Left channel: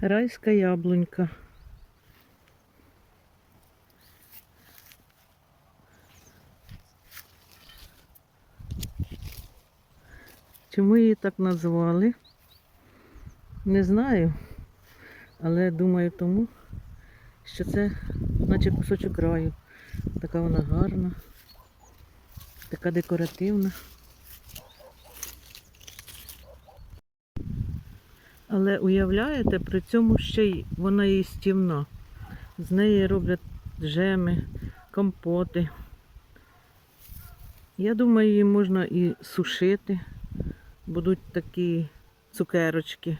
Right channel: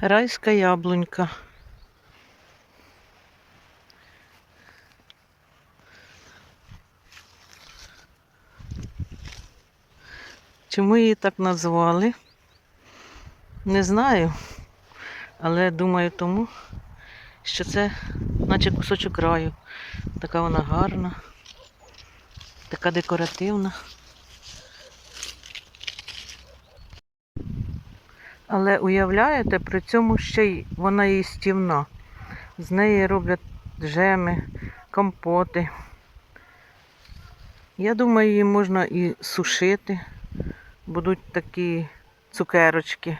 Райська яблунька. Чому її так назвали? Не знаю. Але думаю тому, що це наче кусочок раю. Така вона гарна, така декоративна. Але уявляєте, при цьому ще й вона їстівна. З неї роблять джеми, компоти. Я думаю, її можна і сушити. Будуть такі цукерочки.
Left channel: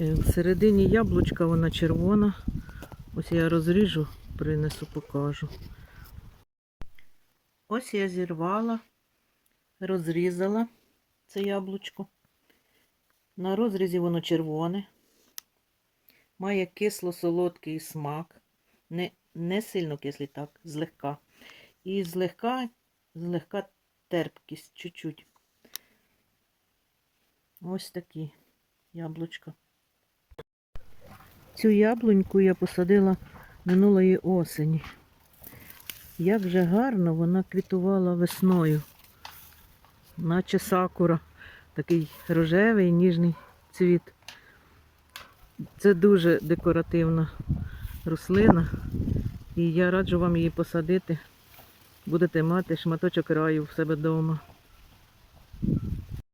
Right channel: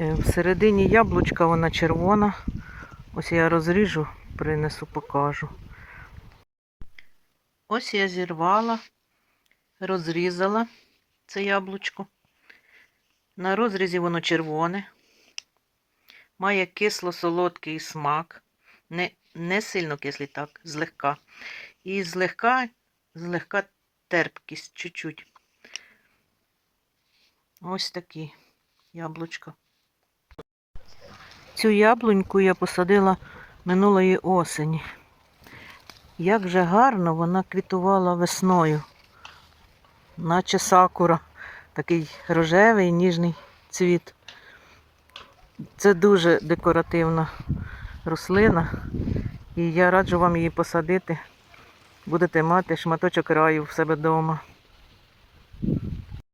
Е, Всередині яблучка вона червона. Ось я розріжу, принесу, покажу. Ось я зірвала, розрізала це яблучко. На розрізі воно червоне, має кисло-солодкий смак, не, не сильно кислий, так, злегка. І злегка, злегка терпкість, чуть-чуть. Ось такі яблучка. Цю яблуньку я посадила минулої осені. Як же гарно вона квітувала весною, наче сакура такий рожевий ніжний цвіт. Це дуже декоративна рослина. І я раджу вам її посадити. Будете мати шматочок раю в себе вдома.